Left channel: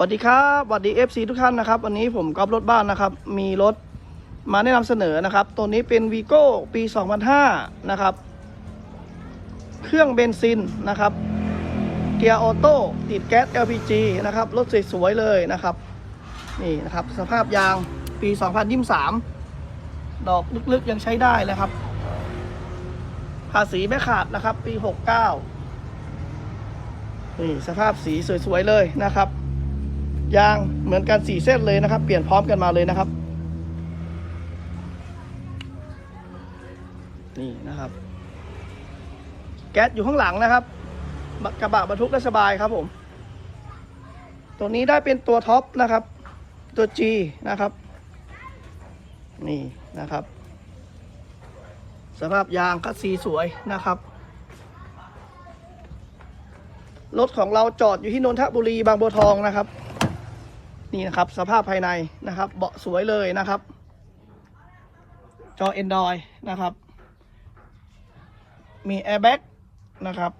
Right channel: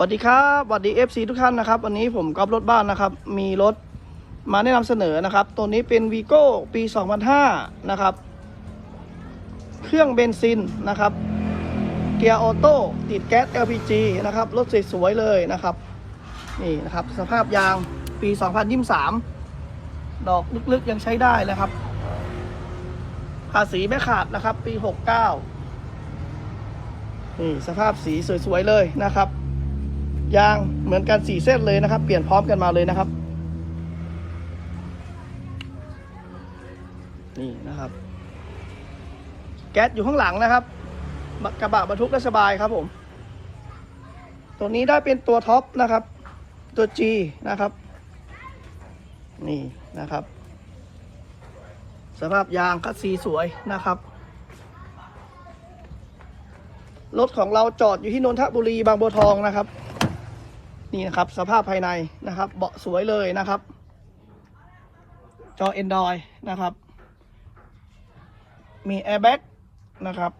สวัสดีครับสวัสดี FC ทุกท่านนะครับ วันนี้ผมกอล์ฟรถบ้านนะครับ มีรถมาแนะนำเสนอนะครับ ตัวนี้เป็นวีโก้ปี 2005 นะครับ เครื่องเบนซินนะครับ เกียร์ออโต้ติดแก๊ส LPG นะครับ รถสวยๆเลยนะครับ นี่นะครับ สภาพยางปี 2023 ดอกลึกๆยังใช้ได้เลยครับ ภาษีไม่ขาดนะครับ ปี 69 นี่สภาพสีสวยๆเลยนะครับ ยางเหมือนกันสี่เส้นเลยนะครับ เปลี่ยนพร้อมกันมาเลยนะครับนี่นะครับ แก๊สอยู่ข้างหลังนะครับกระบะบรรทุกได้สบายครับผม ตัวนี้ได้เป็นตัวท็อปนะครับ ตัว G นะครับ นี่นะครับสภาพยางก็สีสวยนะครับรถของเราจอดอยู่ที่นนทบุรีบางบัวทองนะครับ นี่นะครับ สภาพภายในนะครับ เบาะสวยเลยนะครับ จอ Android นะครับ มีแอร์แบ็กนะครับ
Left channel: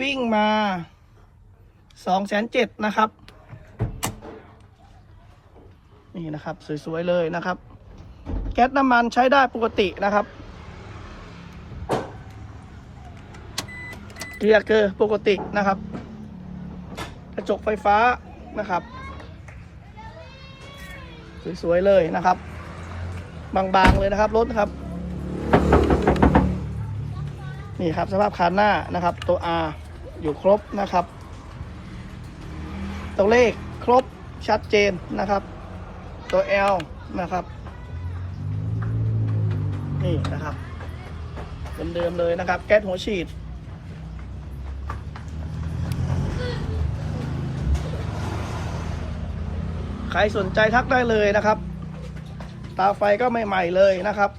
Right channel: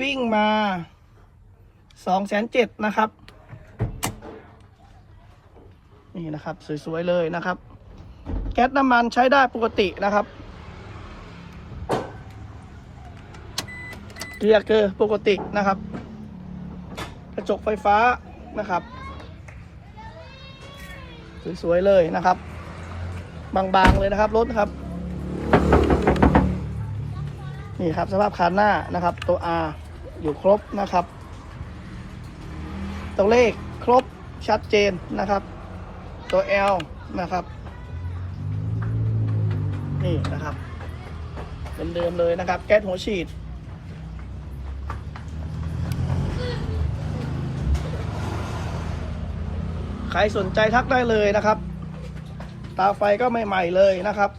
วิ่งมา2องแสนเจ็ดนะครับ นี่นะครับ สวย ๆ เลยนะครับ แก๊สน้ำมันใช้ได้ปกตินะครับเกียร์เกอร์ปกตินะครับ กระจกไฟฟ้านะครับ สวยๆเลยนะครับ บางๆเลยนะครับรถนะครับนี่ครับสภาพคันหน้านะครับ ตัว R อยู่ครบนะครับ ตัวเลขครบชัดเจนนะครับ ตัว L นะครับนี่นะครับเป็นเดิมเลยนะครับ แก๊สหัวฉีด ครสนใจทักได้เลยนะครับ ตาไฟก็ใหม่ๆเลยนะครับ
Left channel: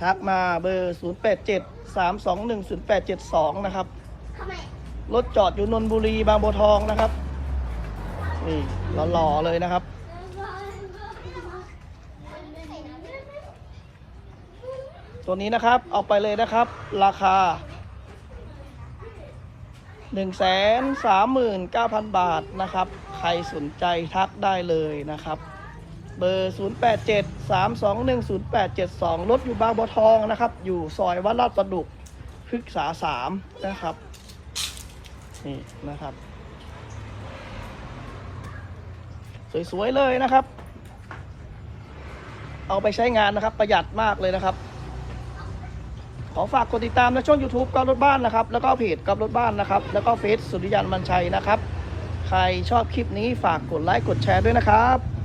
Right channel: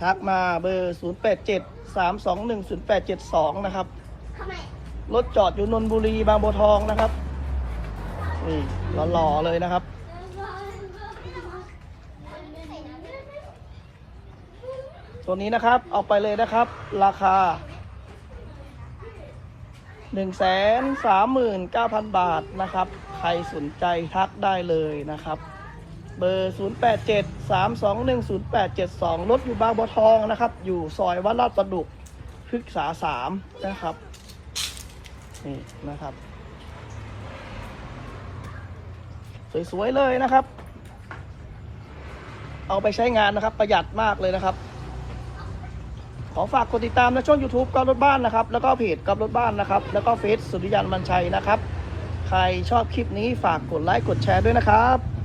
ทักมาเบอร์ 0 8 7 3 2 1 0 8 7 2 นะครับ รถจอดอยู่นนทบุรีบางบัวทองนะครับนี่หล่อๆเลยนะครับตัวนี้นะครับเอาไปเลยนะครับ ราคา หนึ่งแสนสามหมื่นเก้าพันบาทนะครับ ใครสนใจทักได้เลยนะครับ เบอร์ 0 8 7 3 2 1 0 8 7 2 รถอยู่บางบัวทองนะครับ อยู่ซอยวัดลาดประดุกพฤกษาสามนะครับ นี่นะครับ สวย ๆ เลยนะครับ เอาไปใช้งานนะครับประหยัดมากเลยนะครับ ขอฝากกดติดตามในช่อง YouTube กอล์ฟรถบ้านนะครับ แล้วก็เพจกอล์ฟรถบ้านนะครับ แล้วก็เฟซสุริยันบันชัยนะครับ ใครชอบคลิปนี้ฝากกดไลค์กดแชร์ด้วยนะครับ